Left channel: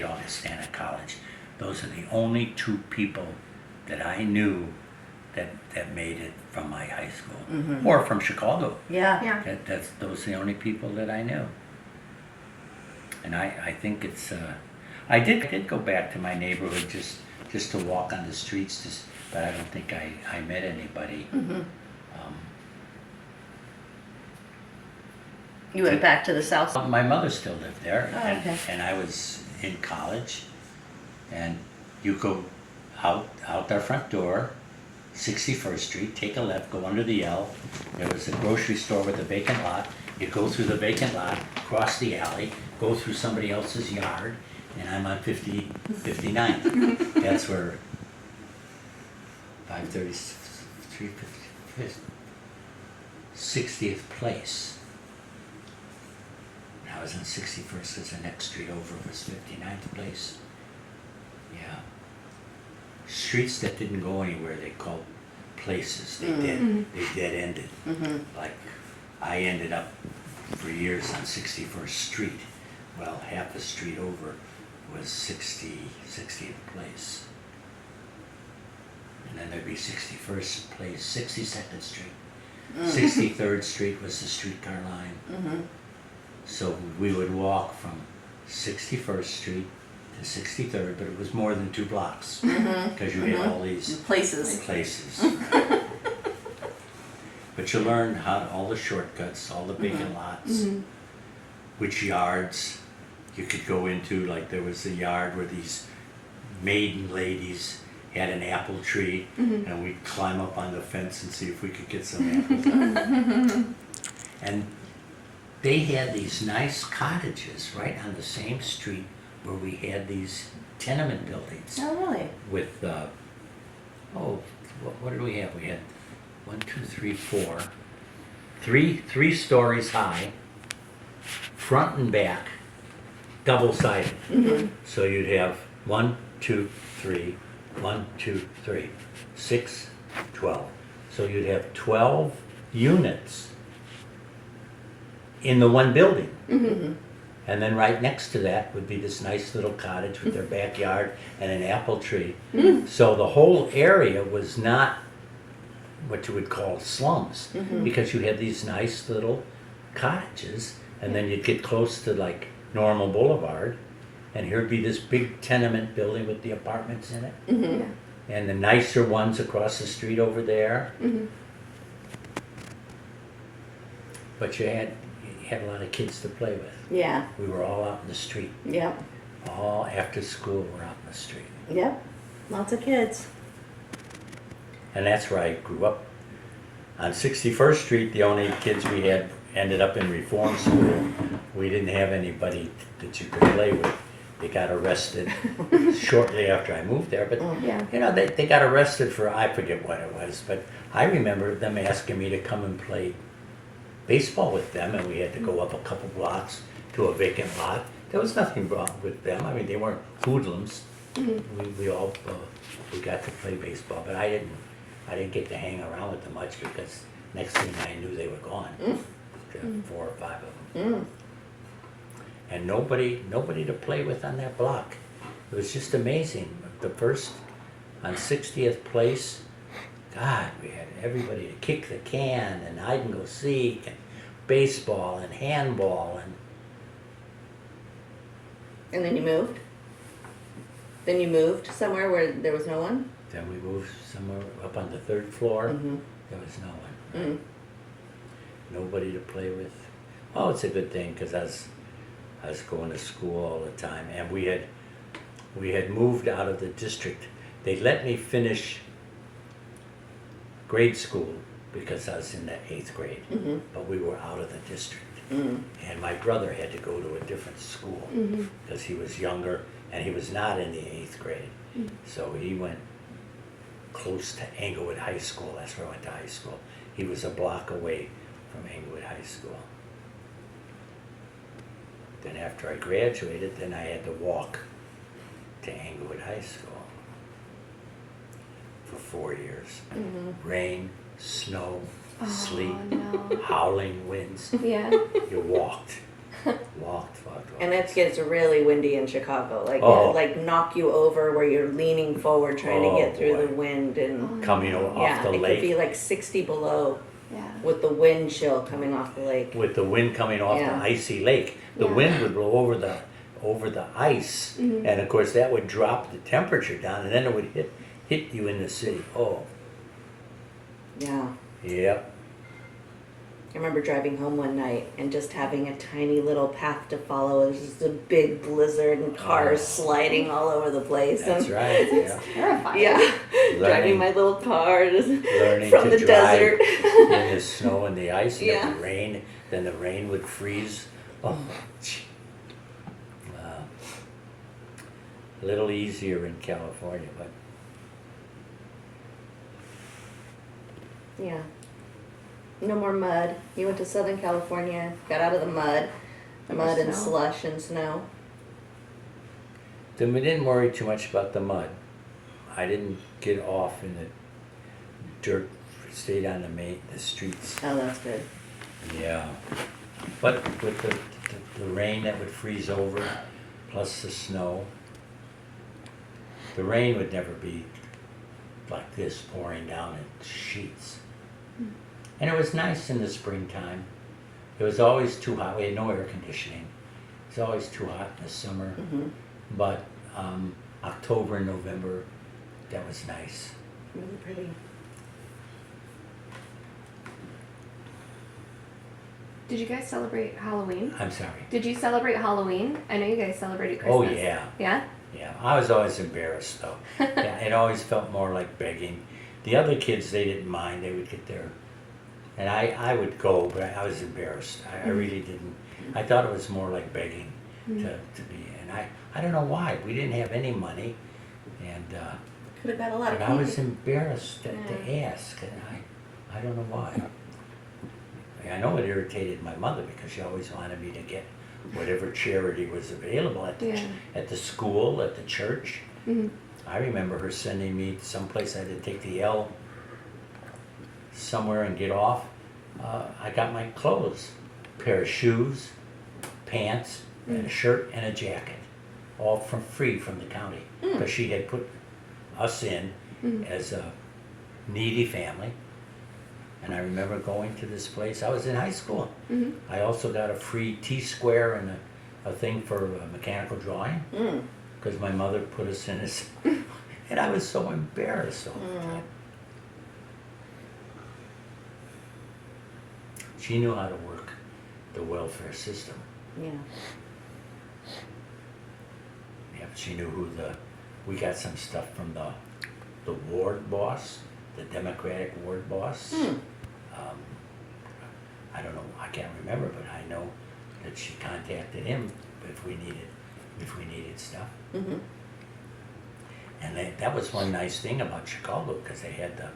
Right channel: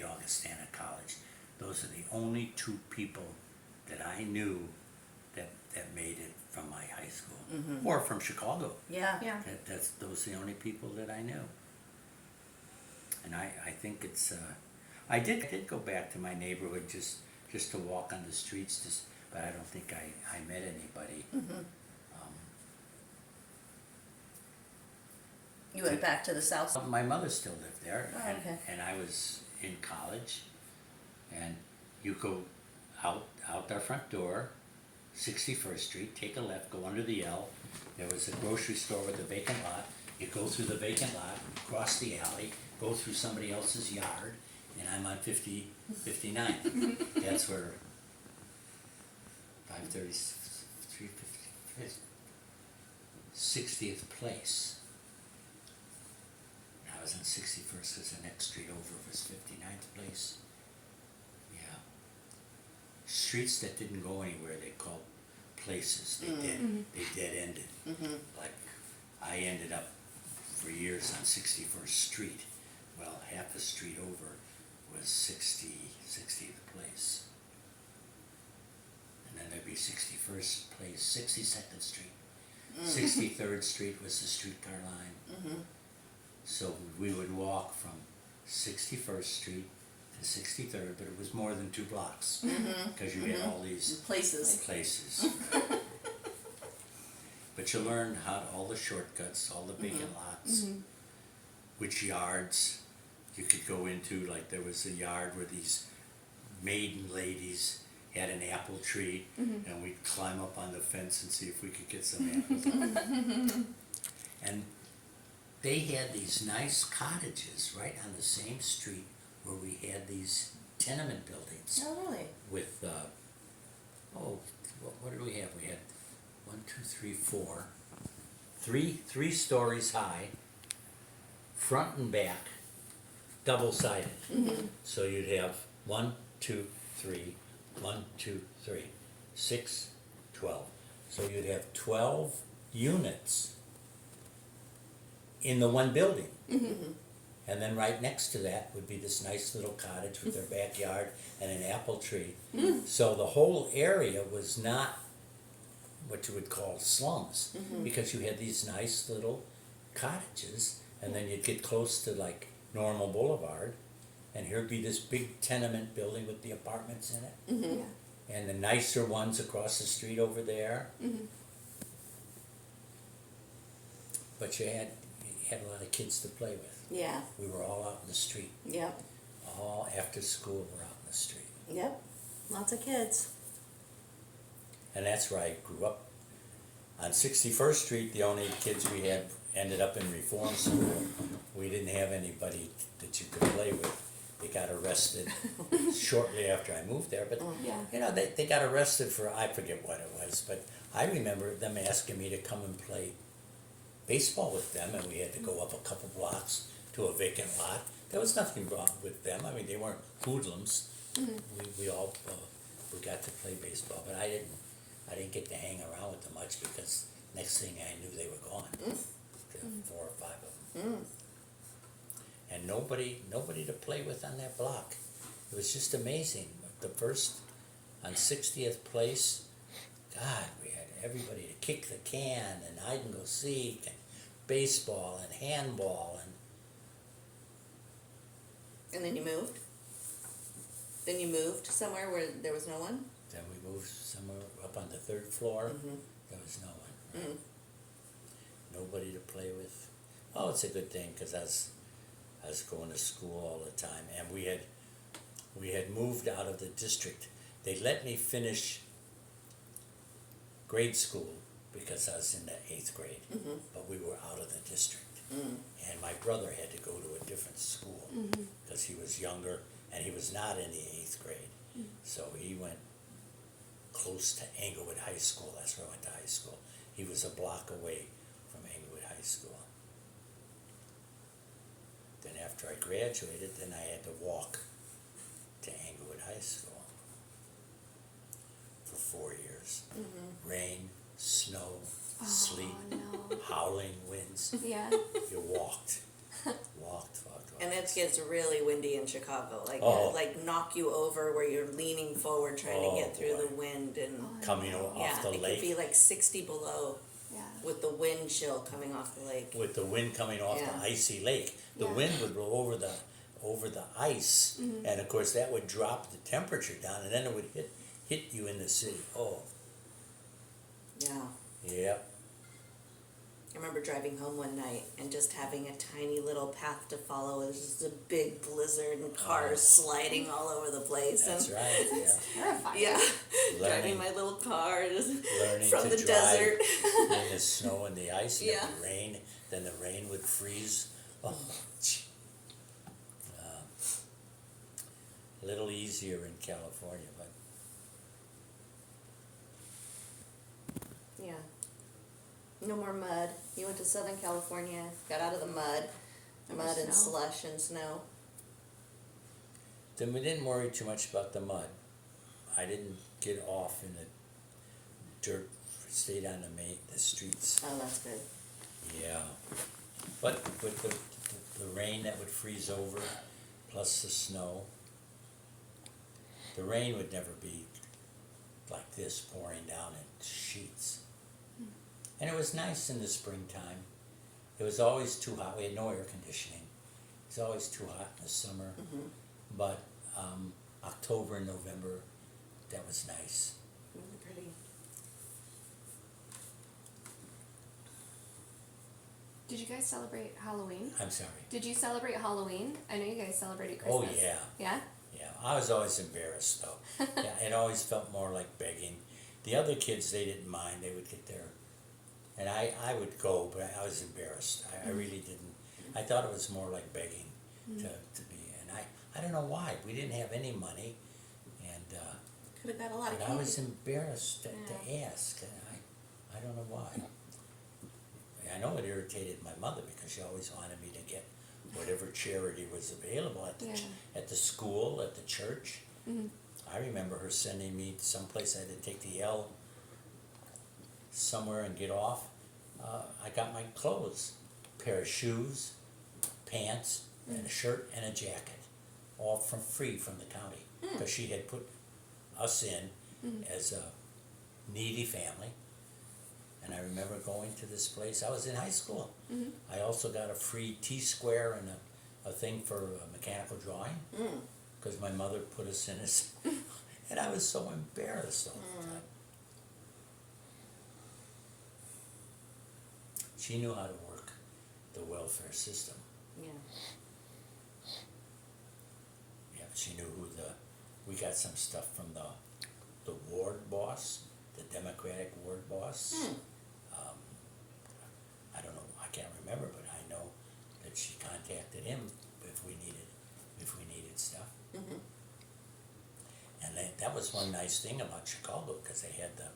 graduate Augustana College. Those are the only two people that I knew that made it from my high school or from Chicago. Yeah. Those are the only people that I knew. And I think it's I did go back to my neighborhood just to walk on the streets, but I don't think I met anybody. You went back to the south. My mother still lived there, Oh, okay. and I was in college, and you go out our front door, 61st Street, take a left, go under the L. There was a grocery store with a vacant lot. You go through the vacant lot, cross the alley, go through somebody else's yard, and I'm on 59th. That's where 533, 60th place. I was on 61st, as the next street over was 59th place. Yeah. Streets that didn't go anywhere, they called places. They dead ended. Like, I ended up for years on 61st Street. Well, half the street over was 60th place. And then there'd be 61st place, 62nd Street. 63rd Street was the streetcar line. So we would walk from 61st Street to 63rd, but it was more than 2 blocks because you had all these Places. But you learned all the shortcuts, all the vacant lots, which yards you could go into. Like there was a yard where these maiden ladies had an apple tree, and we'd climb up on the fence and see if we could get some apples. And they had these nice cottages right on the same street where we had these tenement buildings. Oh, really? With, what did we have? We had 1, 2, 3, 4. Three stories high, front and back, double-sided. So you'd have 1, 2, 3, 1, 2, 3, 6, 12. So you'd have 12 units in the one building. And then right next to that would be this nice little cottage with their backyard and an apple tree. So the whole area was not what you would call slums, because you had these nice little cottages, and then you'd get close to like Normal Boulevard, and here'd be this big tenement building with the apartments in it, and the nicer ones across the street over there. But you had a lot of kids to play with. Yeah. We were all out in the street. Yep. All after school, we're out in the street. Yep. Lots of kids. And that's where I grew up. On 61st Street, the only kids we had ended up in reform school. We didn't have anybody that you could play with. They got arrested shortly after I moved there. But, you know, they got arrested for, I forget what it was, but I remember them asking me to come and play baseball with them, and we had to go up a couple blocks to a vacant lot. There was nothing wrong with them. I mean, they weren't hoodlums. We all we got to play baseball, but I didn't get to hang around with them much, because next thing I knew they were gone. 4 or 5 of them. And nobody to play with on that block. It was just amazing. The first on 60th place, God, we had everybody to kick the can and hide and go seek and baseball and handball And then you moved? Then you moved somewhere where there was no one? then we moved somewhere up on the 3rd floor. There was no one. Right? Nobody to play with. Oh, it's a good thing, because I was going to school all the time, and we had moved out of the district. They let me finish grade school because I was in the 8th grade, but we were out of the district. And my brother had to go to a different school because he was younger, and he was not in the 8th grade. So he went close to Englewood High School. That's where I went to high school. He was a block away from Englewood High School. Then after I graduated, then I had to walk to Englewood High School for 4 years. Rain, snow, sleet, howling winds. Yeah. You walked. Walked. And it gets really windy in Chicago. Like Oh. it'll like knock you over where you're leaning forward trying Oh, to get through boy. the wind and Coming off the it lake. could be like 60 below Yeah. with the wind chill coming off the lake. With the wind coming off Yeah. the icy lake, the Yeah. wind would blow over the ice, and of course that would drop the temperature down, and then it would hit you in the city. Oh, Yeah. yep. I remember driving home one night and just having a tiny little path to follow. It was just a big blizzard and cars sliding all over the place. That's and, right. Yeah. Terrifying. Yeah, driving Learning- my little car just Learning from to the drive desert. in the snow and the ice, and it Yeah. would rain. Then the rain would freeze. Oh, gee. A little easier in California, but Yeah. No more mud. You went to Southern California, got out of the mud. There was Mud and snow. slush and snow. then we didn't worry too much about the mud. I didn't get off in the dirt. Stayed on the streets. Oh, that's good. Yeah, but with the rain that would freeze over, plus the snow, the rain would never be like this pouring down in sheets. And it was nice in the springtime. It was always too hot. We had no air conditioning. It was always too hot in the summer. Mm-hmm. But October and November, that was nice. Really pretty. Did you guys celebrate Halloween? I'm sorry. Did you celebrate Halloween? I know you guys celebrated Oh, Christmas. yeah. Yeah? Yeah, I was always embarrassed though. Yeah, it always felt more like begging. The other kids, they didn't mind. They would get there. And I would go, but I was embarrassed. I really didn't. I thought it was more like begging to be. And I don't know why. We didn't have any money. And Could have got a lot of but I candy. was embarrassed to Yeah. ask. And I don't know why. I know it irritated my mother because she always wanted me to get whatever charity was available at the, Yeah. at the school, at the church. Mm-hmm. I remember her sending me someplace I had to take the L somewhere and get off. I got my clothes, pair of shoes, pants, and a shirt and a jacket, all from free from the county because she had put us in as a needy family. And I remember going to this place. I was in high school. Mm-hmm. I also got a free T-square and a thing for mechanical drawing Mm. because my mother put us in this. And I was so embarrassed all the time. She knew how to work the welfare system. Yeah. Yeah, she knew we got some stuff from the ward boss, the Democratic ward boss. I don't know, I can't remember, but I know that she contacted him if we needed stuff. Mm-hmm. And that was one nice thing about Chicago, because they had the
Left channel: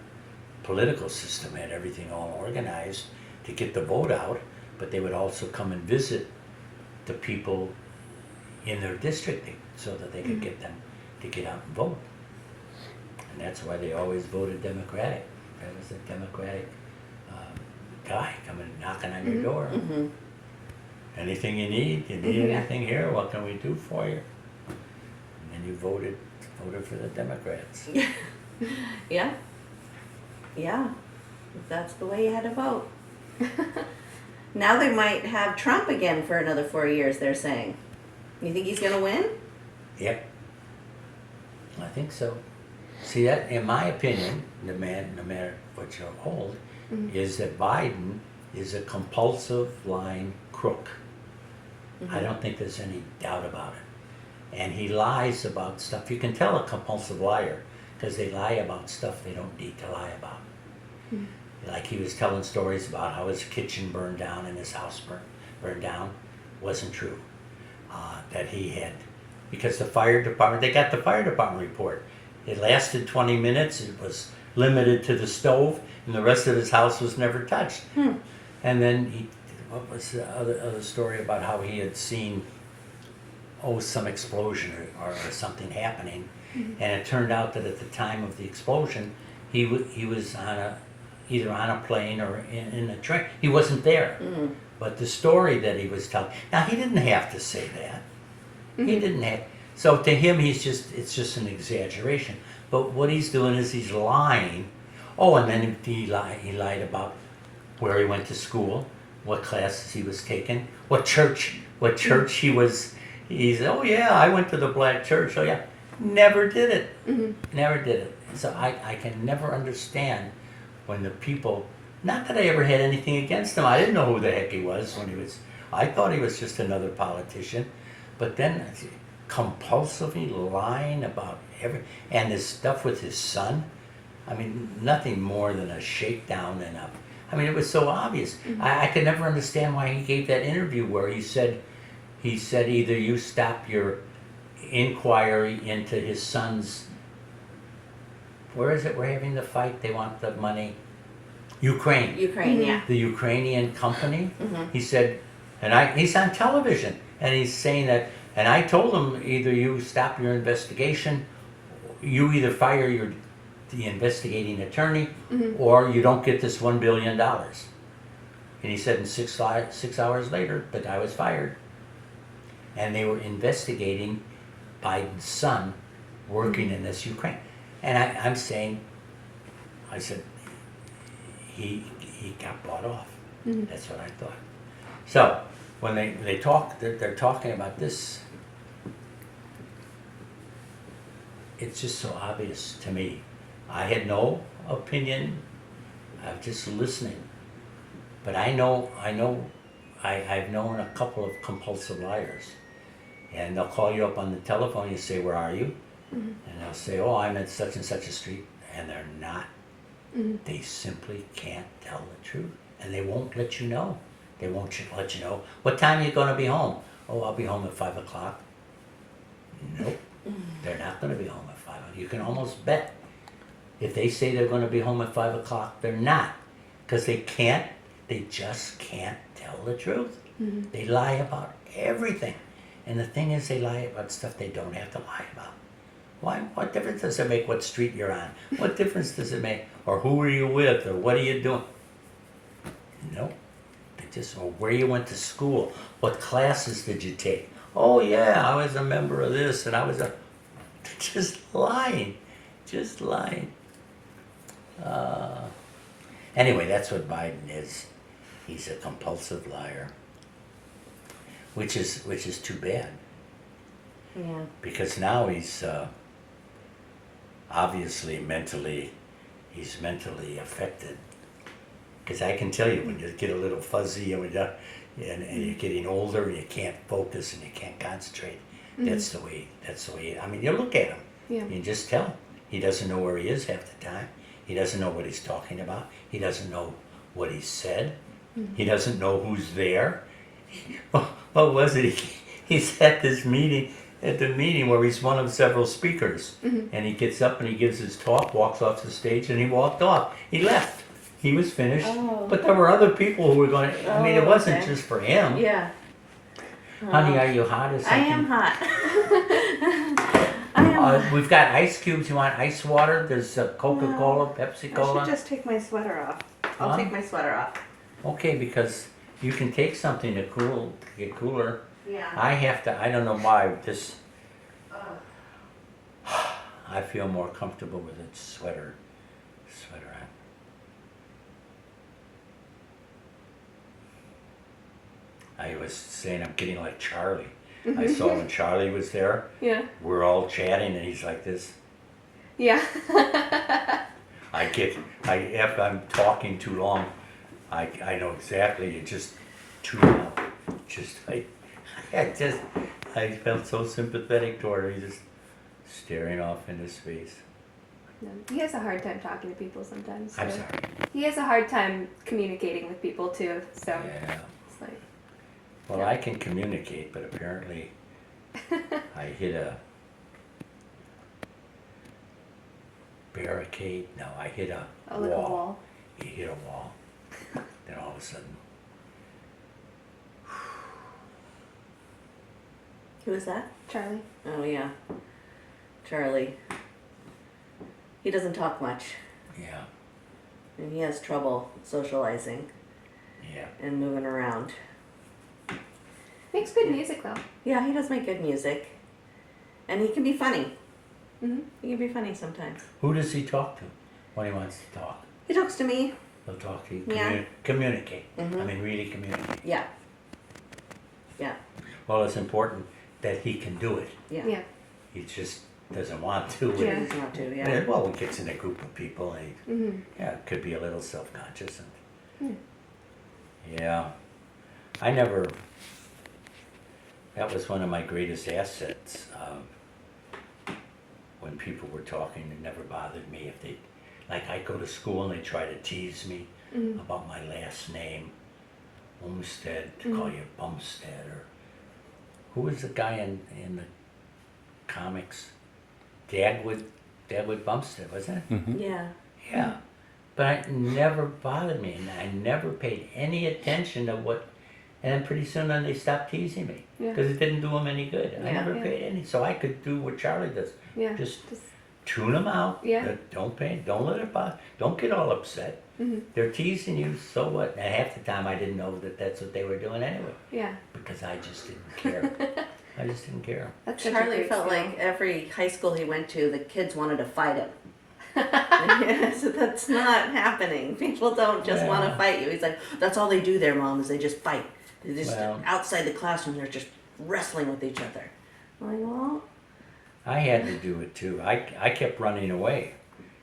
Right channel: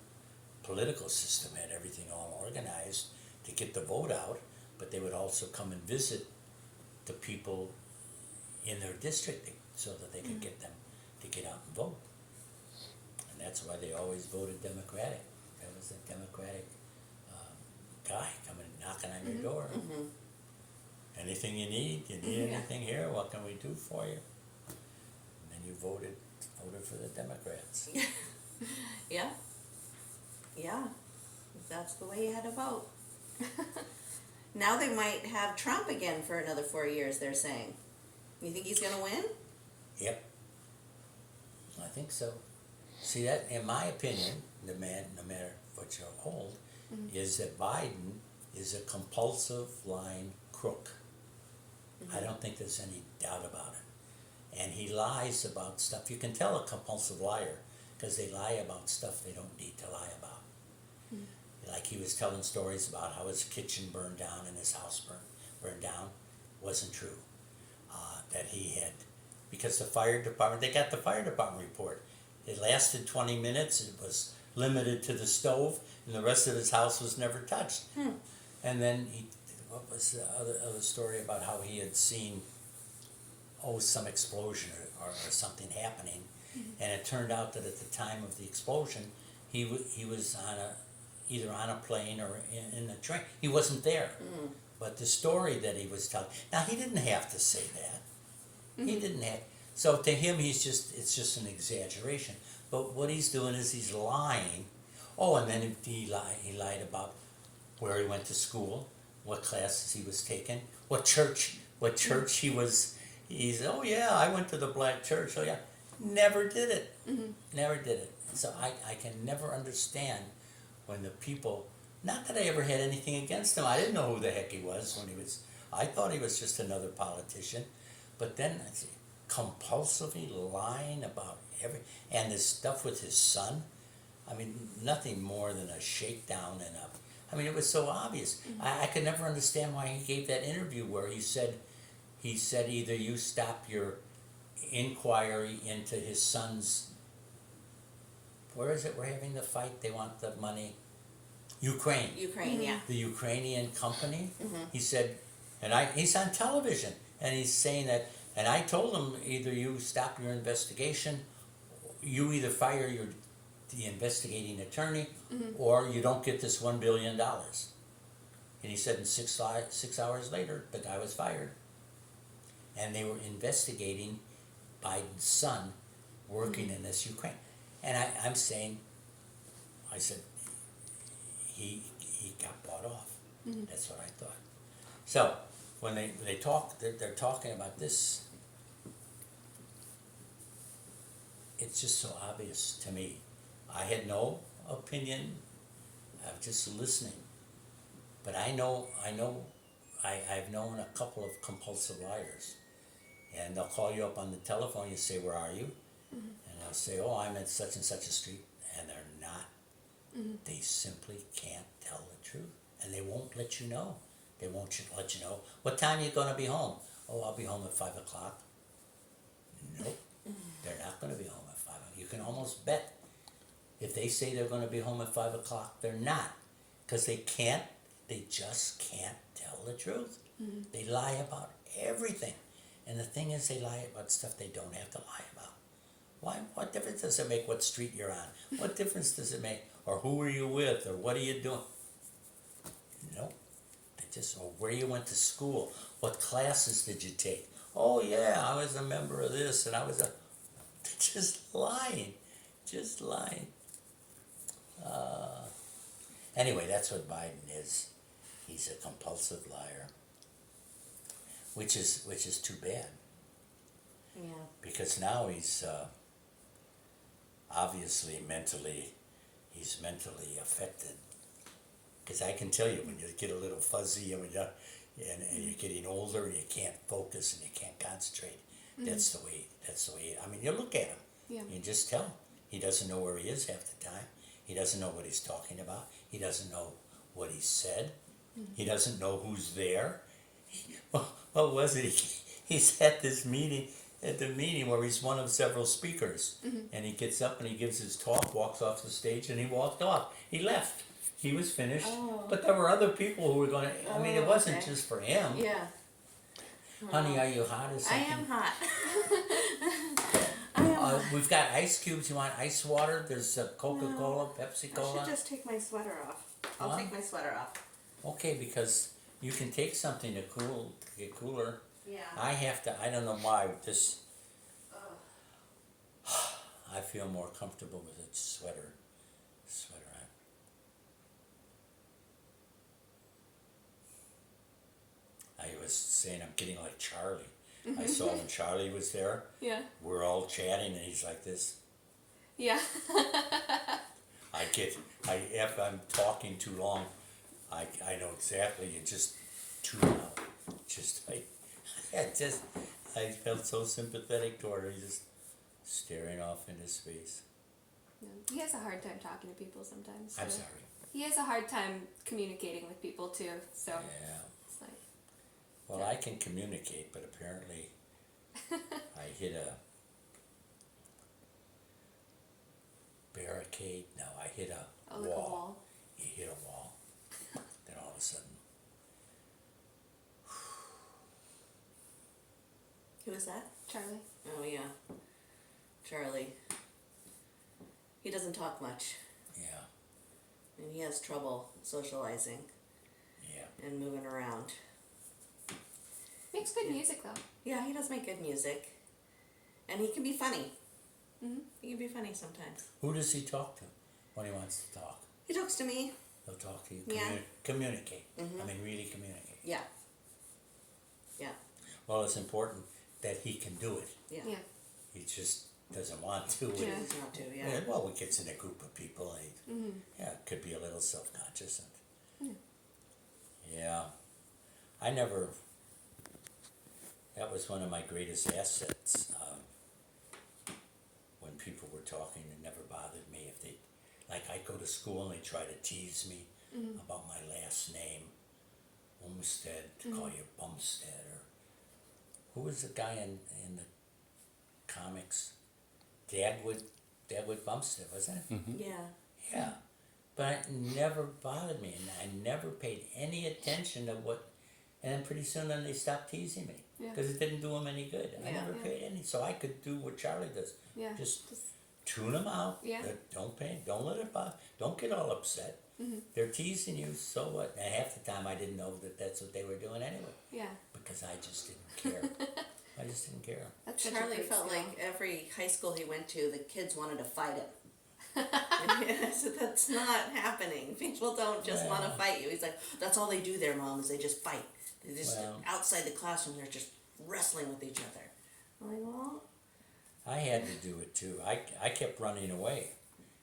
political system, had everything all organized to get the vote out, but they would also come and visit the people in their district so that they could get them to get out and vote. And that's why they always voted Democratic. That was a Democratic guy coming knocking on your door. Mm-hmm. Anything you need Yeah. anything here, what can we do for you? And then you voted for the Democrats. Yeah. Yeah. That's the way you had to vote. Now they might have Trump again for another 4 years, they're saying. You think he's gonna win? Yep. I think so. See, that, in my opinion, no matter what you hold, is that Biden is a compulsive lying crook. I don't think there's any doubt about it. And he lies about stuff. You can tell a compulsive liar because they lie about stuff they don't need to lie about. Like he was telling stories about how his kitchen burned down and his house burned down. Wasn't true. That he had, because the fire department, they got the fire department report. It lasted 20 minutes. It was limited to the stove, and the rest of his house was never touched. And then what was the other story about how he had seen, some explosion or something happening, and it turned out that at the time of the explosion, he was either on a plane or in a train. He wasn't there, But the story that he was telling, now he didn't have to say that. He didn't have. So to him, it's just an exaggeration. But what he's doing is he's lying. Oh, and then he lied about where he went to school, what classes he was taking, what church he was. He's, oh yeah, I went to the black church. Oh yeah, never did it. Never did it. So I can never understand when the people. Not that I ever had anything against him. I didn't know who the heck he was when he was. I thought he was just another politician. But then compulsively lying about and his stuff with his son. I mean, nothing more than a shakedown and a. I mean, it was so obvious. I could never understand why he gave that interview where he said either you stop your inquiry into his son's. Where is it? We're having the fight. They want the money. Ukraine. Ukraine, yeah. The Ukrainian company. He said, he's on television, and he's saying that. And I told him either you stop your investigation, you either fire the investigating attorney, or you don't get this $1 billion. And he said in 6 hours later, the guy was fired. And they were investigating Biden's son working in this Ukraine. And I'm saying, I said, he got bought off. That's what I thought. So when they talk, they're talking about this. It's just so obvious to me. I had no opinion. I was just listening. But I've known a couple of compulsive liars. And they'll call you up on the telephone, you say, where are you? And they'll say, oh, I'm at such and such a street. And they're not. They simply can't tell the truth. And they won't let you know. They won't let you know. What time are you going to be home? Oh, I'll be home at 5 o'clock. Nope. They're not going to be home at 5 o'clock. You can almost bet if they say they're going to be home at 5 o'clock, they're not. Because they just can't tell the truth. They lie about everything. And the thing is, they lie about stuff they don't have to lie about. Why? What difference does it make what street you're on? What difference does it make? Or who are you with? Or what are you doing? Nope. Or where you went to school. What classes did you take? Oh yeah, I was a member of this and I was just lying. Just lying. Anyway, that's what Biden is. He's a compulsive liar. Which is too bad. Yeah. Because now he's obviously mentally affected. Because I can tell you, when you get a little fuzzy and you're getting older and you can't focus and you can't concentrate, that's the way. I mean, you look at him, you can just tell. He doesn't know where he is half the time. He doesn't know what he's talking about. He doesn't know what he said. He doesn't know who's there. What was it? He's at this meeting. At the meeting where he's one of several speakers, and he gets up and he gives his talk, walks off the stage, and he walked off. He left. He was finished. Oh. But there were other people who were going. I mean, it wasn't just for him. Yeah. Honey, are you hot or something? I am hot. I am. We've got ice cubes. You want ice water? There's Coca-Cola, Pepsi I Cola. should just take my sweater off. I'll Huh? take my sweater off. Okay, because you can take something to get cooler. Yeah. I don't know why, this, I feel more comfortable with a sweater on. I was saying I'm getting like Charlie. I saw when Charlie was there, Yeah. we're all chatting and he's like this. Yeah. If I'm talking too long, I know exactly, it's just too long. I felt so sympathetic toward her. He's just staring off into space. No. He has a hard time talking to people sometimes. I'm so- sorry. He has a hard time communicating with people too. So Yeah. it's like, Well, I can communicate, but apparently I hit a barricade. No, I hit a like a wall. You hit a wall. Then all of a sudden, Who is that? Charlie. Oh yeah. Charlie. He doesn't talk much, yeah, and he has trouble socializing yeah. and moving around. Makes good music though. Yeah, he does make good music. And he can be funny. Hmm. He can be funny sometimes. Who does he talk to when he wants to talk? He talks to me. He'll talk to you. Yeah. Communicate. Mhm. I mean, really communicate. Yeah. Yeah. Well, it's important that he can do it. Yeah. Yeah. He just doesn't want to. Yeah. He's not to, yeah. And, well, he gets in a group of people and he, Hmm. yeah, could be a little self-conscious. And, Hmm. yeah. I never, that was one of my greatest assets. When people were talking, it never bothered me if they, like I'd go to school and they try to tease me Hmm. about my last name, Olmsted, to call you Bumstead, or who was the guy in the comics? Dagwood Bumstead, wasn't it? Yeah. Yeah, but it never bothered me, and I never paid any attention to what. And then pretty soon, then they stopped teasing me Yeah. because it didn't do them any good. I Yeah. never Yeah. paid any, so I could do what Charlie does. Yeah. Just tune them out. Yeah. Don't pay. Don't let it bother. Don't get all upset. Hmm. They're teasing you, so what? And half the time, I didn't know that that's what they were doing anyway Yeah. because I just didn't care. I just didn't care. That's such a Charlie great felt skill. like every high school he went to, the kids wanted to fight him. Yeah, so that's not happening. People don't just want to Yeah. fight you. He's like, that's all they do there, Mom, is they just fight. They just Well- outside the classroom, they're just wrestling with each other. I'm like, well, I had to do it too. I kept running away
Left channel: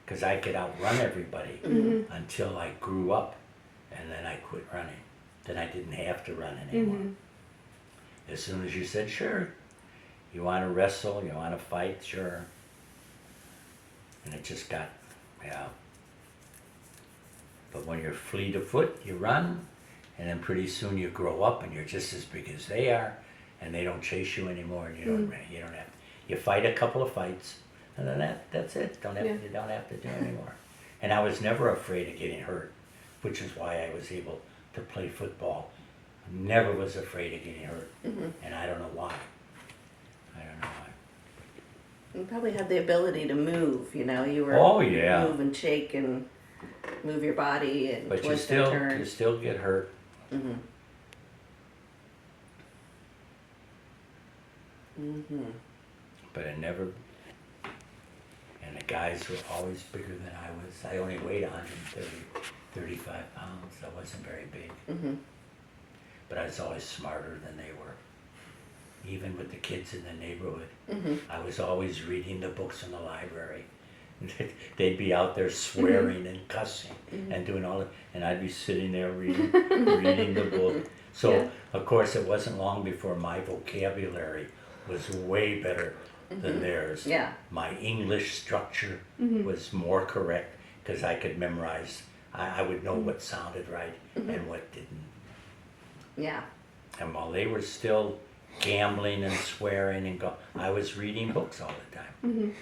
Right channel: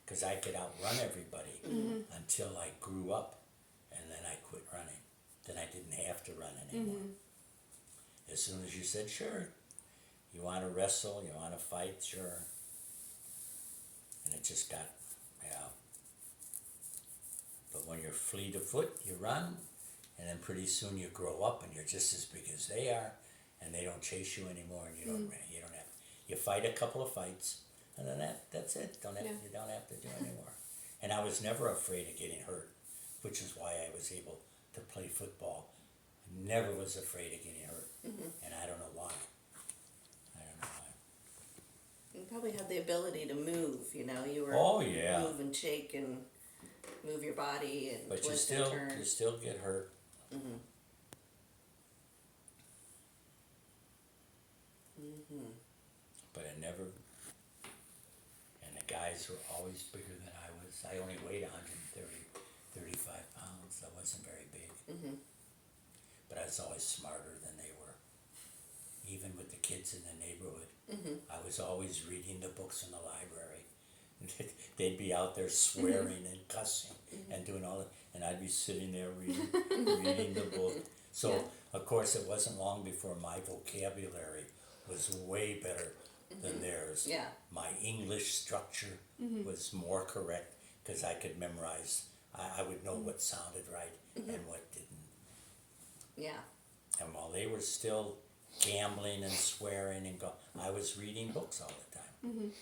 because I could outrun everybody until I grew up, and then I quit running. Then I didn't have to run anymore. As soon as you said, sure, you want to wrestle, you want to fight, sure. And it just got, yeah. But when you're fleet of foot, you run, and then pretty soon you grow up and you're just as big as they are, and they don't chase you anymore, and you don't have, you fight a couple of fights, and then that's it. Yeah. You don't have to do anymore. And I was never afraid of getting hurt, which is why I was able to play football. Never was afraid of getting hurt, and I don't know why. I don't know why. you probably had the ability to move, you know. You were Oh yeah, move and shake and move your body and but you twist and still turn. get hurt. Mm-hmm. Mm-hmm. But it never. And the guys were always bigger than I was. I only weighed 35 pounds. I wasn't very big. Mm-hmm. But I was always smarter than they were. Even with the kids in the neighborhood, Mm-hmm. I was always reading the books in the library. They'd be out there swearing and cussing and doing all that, and I'd be sitting there reading the book. So Yeah. of course it wasn't long before my vocabulary was way better than theirs. Yeah. My English structure was more correct because I could memorize. I would know what sounded right and what didn't. Yeah. And while they were still gambling and swearing and I was reading books all the time.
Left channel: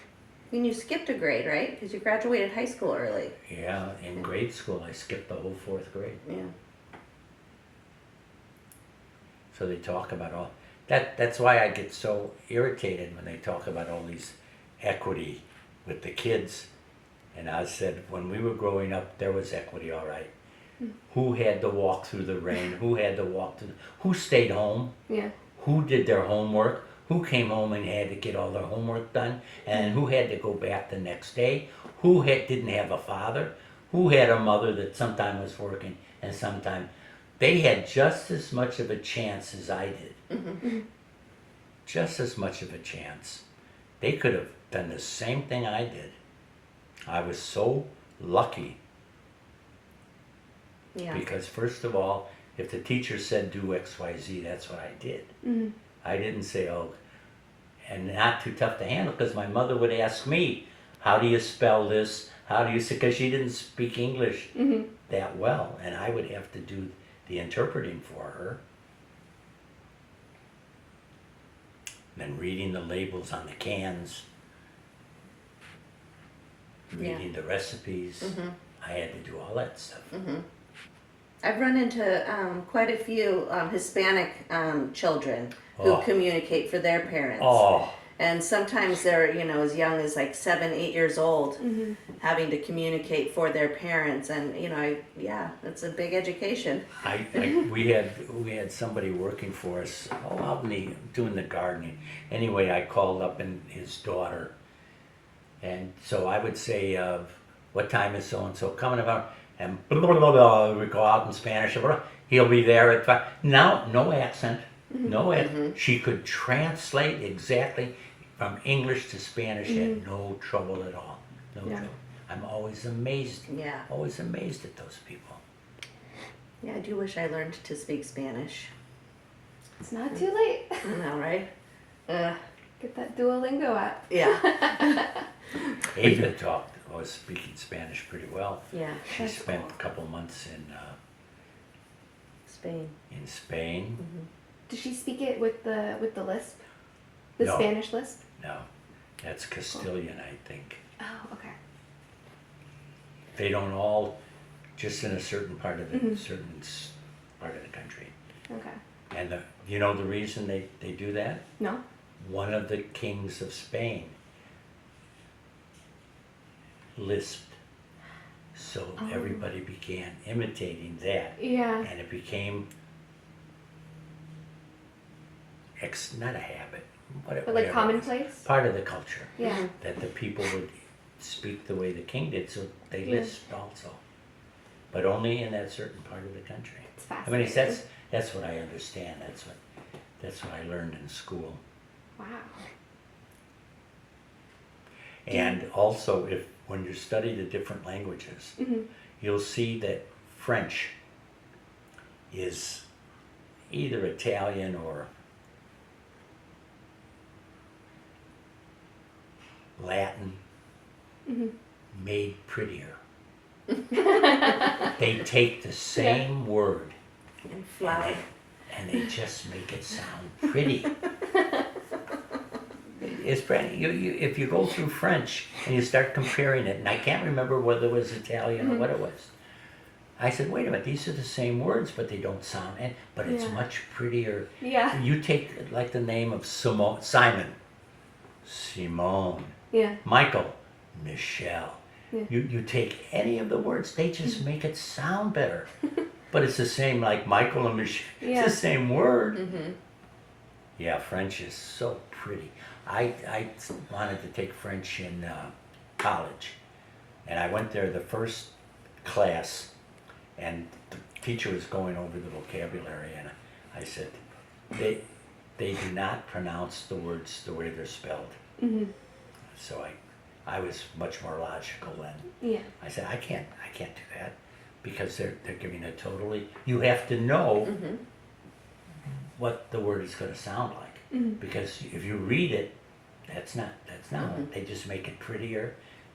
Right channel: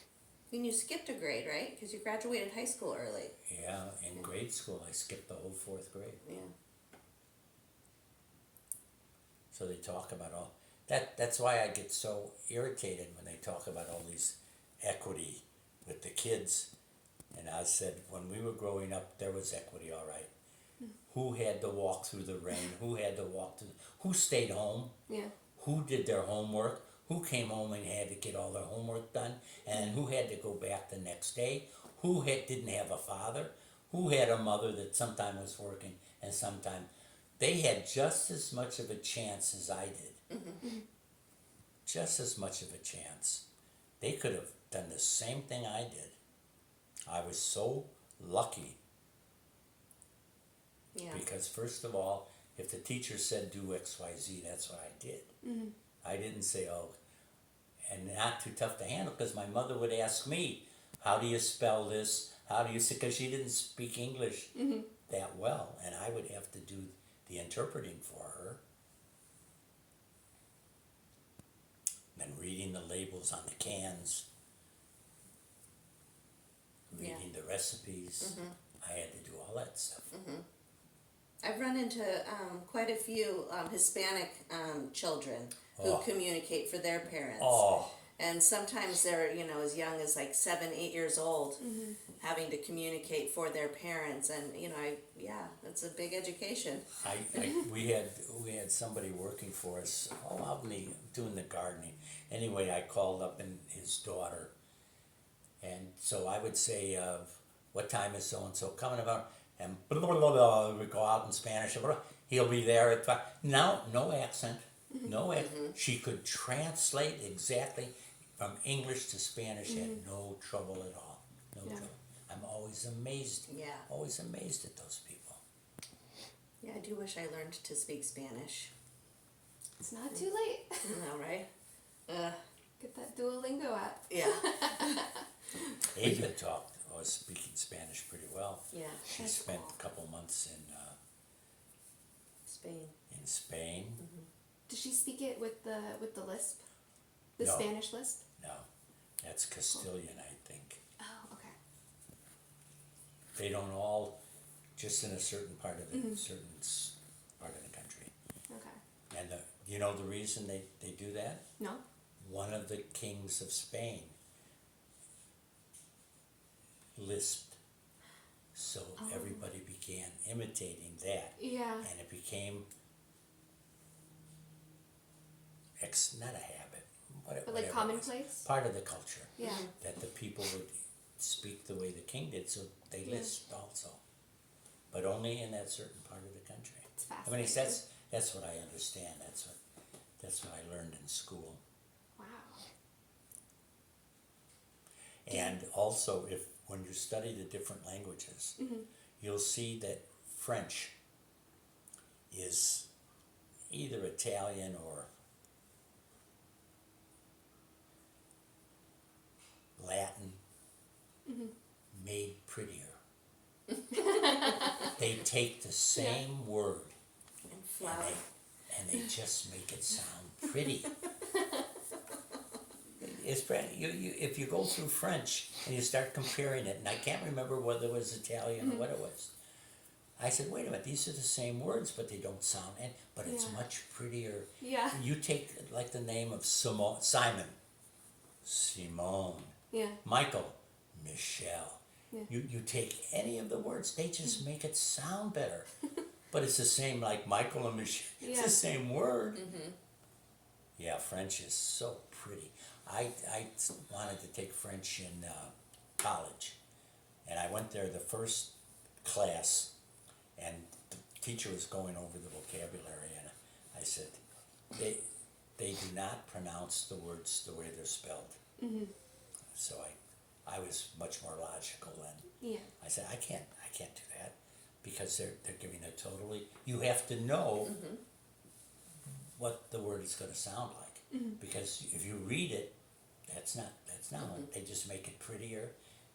And you skipped a grade, right? Because you graduated high school early. Yeah, in grade school I skipped the whole 4th grade. Yeah. So they talk about all that's why I get so irritated when they talk about all these equity with the kids. And I said when we were growing up there was equity, all right. Who had to walk through the rain? Who had to walk through who stayed home? Yeah. Who did their homework? Who came home and had to get all their homework done? And who had to go back the next day? Who didn't have a father? Who had a mother that sometime was working and sometime they had just as much of a chance as I did. Just as much of a chance. They could have done the same thing I did. I was so lucky Yeah. because first of all, if the teacher said do X, Y, Z, that's what I did. I didn't say, oh, and not too tough to handle because my mother would ask me, how do you spell this? How do you say, because she didn't speak English that well, and I would have to do the interpreting for her. Then reading the labels on the cans, reading the recipes. I had to do all that stuff. I've run into quite a few Hispanic children who Oh. communicate for their parents. Oh, And sometimes they're, as young as like 7, 8 years old, having to communicate for their parents. And, it's a big education. We had somebody working for us, out doing the gardening. Anyway, I called up and his daughter. And so I would say, what time is so-and-so coming about? And blah, blah, blah, blah, we go out in Spanish. Blah, blah. He'll be there at 5. Now, no accent. No accent. She could translate exactly from English to Spanish, had no trouble at all. No trouble. I'm always amazed. Yeah. Always amazed at those people. Yeah, I do wish I learned to speak Spanish. It's not too late. I know, right? Get that Duolingo app. Yeah. Ava was speaking Spanish pretty well. Yeah. She That's spent cool. a couple months Spain. in Spain. Does she speak it with the lisp? The No. Spanish lisp? No, that's Castilian, I think. Oh, okay. They don't all, just in a certain part of the part of the country. Okay. And the reason they do that? No? One of the kings of Spain lisped, so everybody began imitating that, Yeah. and it became not a habit, But like whatever it was, commonplace? part of the culture, Yeah. that the people would speak the way the king did, so they Yeah. lisped also, but only in that certain part of the country. It's I mean, fascinating. that's what I understand. That's what I learned in school. Wow. And also, when you study the different languages, you'll see that French is either Italian or Latin made prettier. They take the same word And fly. and they just make it sound pretty. It's pretty. If you go through French and you start comparing it, and I can't remember whether it was Italian or what it was. I said, wait a minute, these are the same words, but they don't sound, but it's Yeah. much prettier. Yeah. You take like the name of Simon, Yeah. Michael, Michelle. Yeah. You take any of the words, they just make it sound better. But it's the same, like Michael and Michelle. Yeah. It's the same word. Yeah, French is so pretty. I wanted to take French in college, and I went there the first class, and the teacher was going over the vocabulary, and I said, they do not pronounce the words the way they're spelled. So I was much more logical then. Yeah. I said, I can't do that, because they're giving a totally, you have to know what the word is going to sound like, because if you read it, that's not it. They just make it prettier,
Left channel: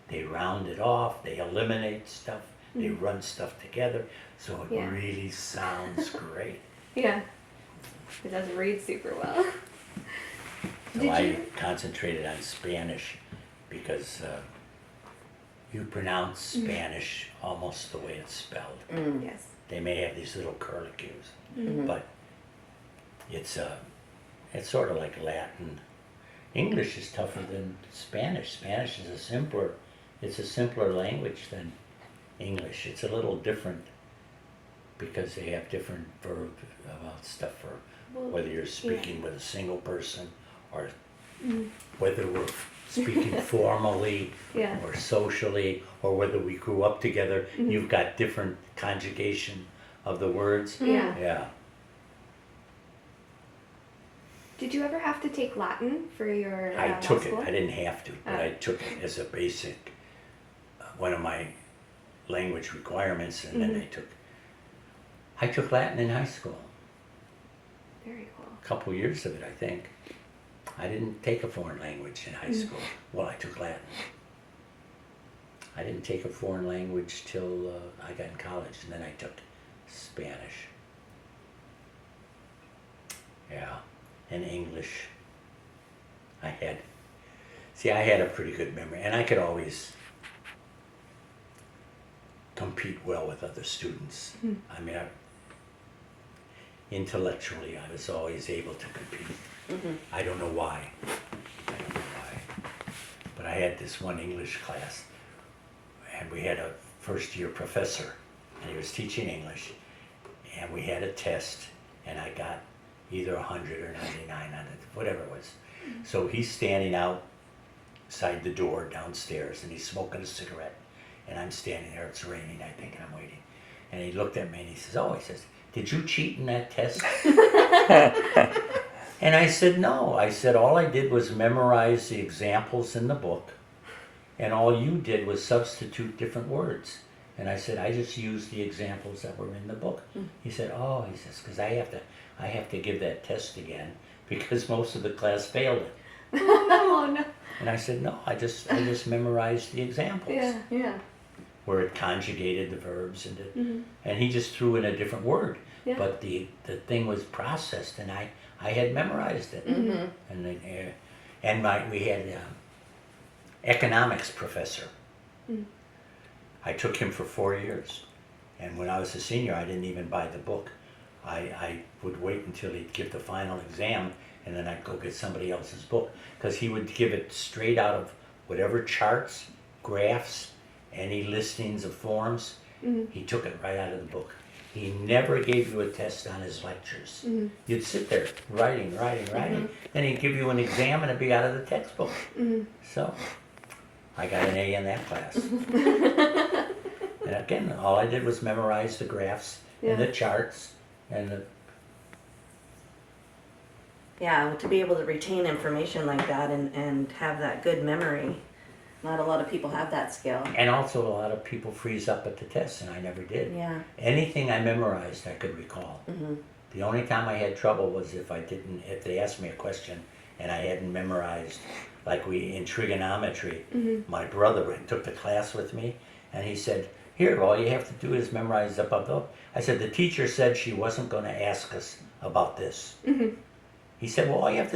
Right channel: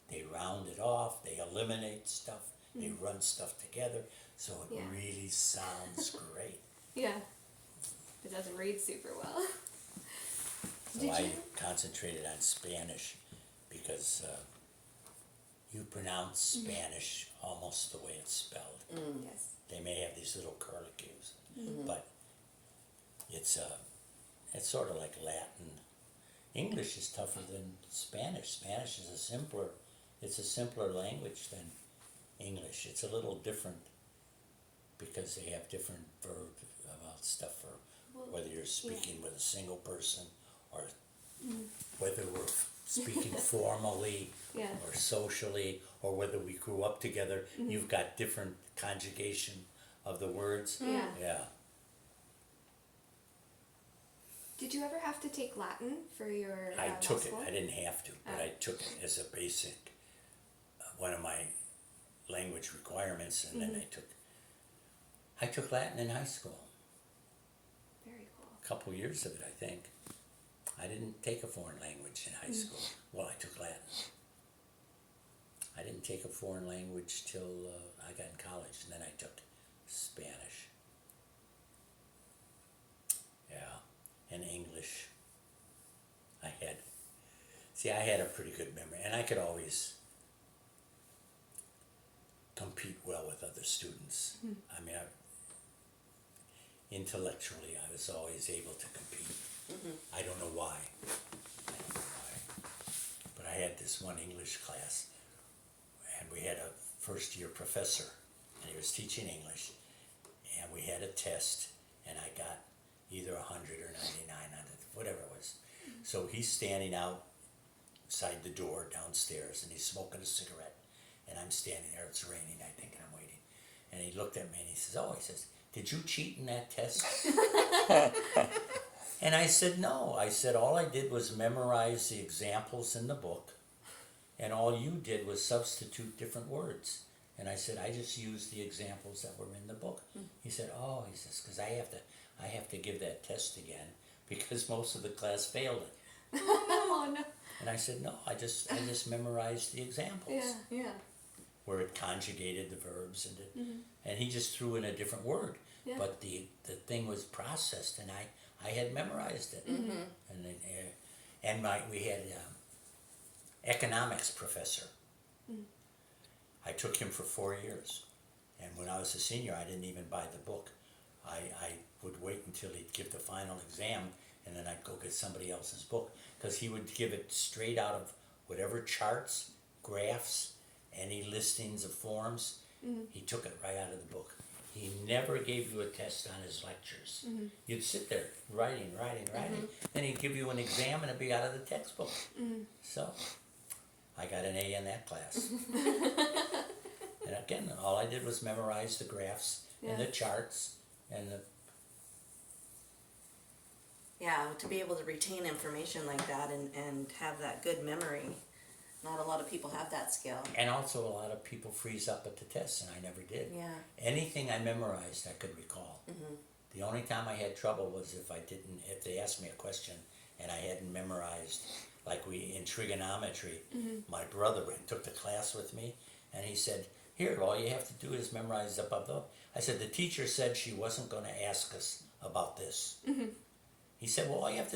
they round it off, they eliminate stuff, they run stuff together, so it Yeah. really sounds great. Yeah. It doesn't read super well. So Did I you? concentrated on Spanish, because you pronounce Spanish almost the way it's spelled. Yes. They may have these little curlicues, but it's sort of like Latin. English is tougher than Spanish. Spanish is a simpler language than English. It's a little different because they have different verbs about stuff for whether you're speaking with a single person or whether we're speaking formally Yeah. or socially, or whether we grew up together. You've got different conjugation of the words. Yeah. Yeah. Did you ever have to take Latin for your I law took it. school? I didn't have to, but I took it as a basic, one of my language requirements, and then I took Latin in high school. Very cool. A couple years of it, I think. I didn't take a foreign language in high school. Well, I took Latin. I didn't take a foreign language till I got in college, and then I took Spanish. Yeah, and English. I had a pretty good memory, and I could always compete well with other students. I mean, intellectually, I was always able to compete. I don't know why. I don't know. I had this one English class, and we had a first year professor, and he was teaching English, and we had a test, and I got either 100 or 99 on it, whatever it was. So he's standing outside the door downstairs, and he's smoking a cigarette, and I'm standing there, it's raining, I think, and I'm waiting. And he looked at me and he says, oh, he says, did you cheat in that test? And I said, no. I said, all I did was memorize the examples in the book, and all you did was substitute different words. And I said, I just used the examples that were in the book. He said, oh, he says, because I have to give that test again because most of the class failed it. Oh no. And I said, no, I just memorized the examples Yeah. Yeah. where it conjugated the verbs and he just threw in a different word. Yeah. But the thing was processed, and I had memorized it. And we had economics professor. I took him for 4 years, and when I was a senior, I didn't even buy the book. I would wait until he'd give the final exam, and then I'd go get somebody else's book, because he would give it straight out of whatever charts, graphs, any listings of forms. He took it right out of the book. He never gave you a test on his lectures. You'd sit there writing, then he'd give you an exam and it'd be out of the textbook. So I got an A in that class. And again, all I did was memorize the graphs and the charts and the Yeah, to be able to retain information like that and have that good memory. Not a lot of people have that skill. and also a lot of people freeze up at the test, and I never did. Yeah. Anything I memorized, I could recall. The only time I had trouble was if they asked me a question and I hadn't memorized, like in trigonometry. My brother took the class with me, and he said, here, all you have to do is memorize up above. I said, the teacher said she wasn't going to ask us about this. He said, well, all you have to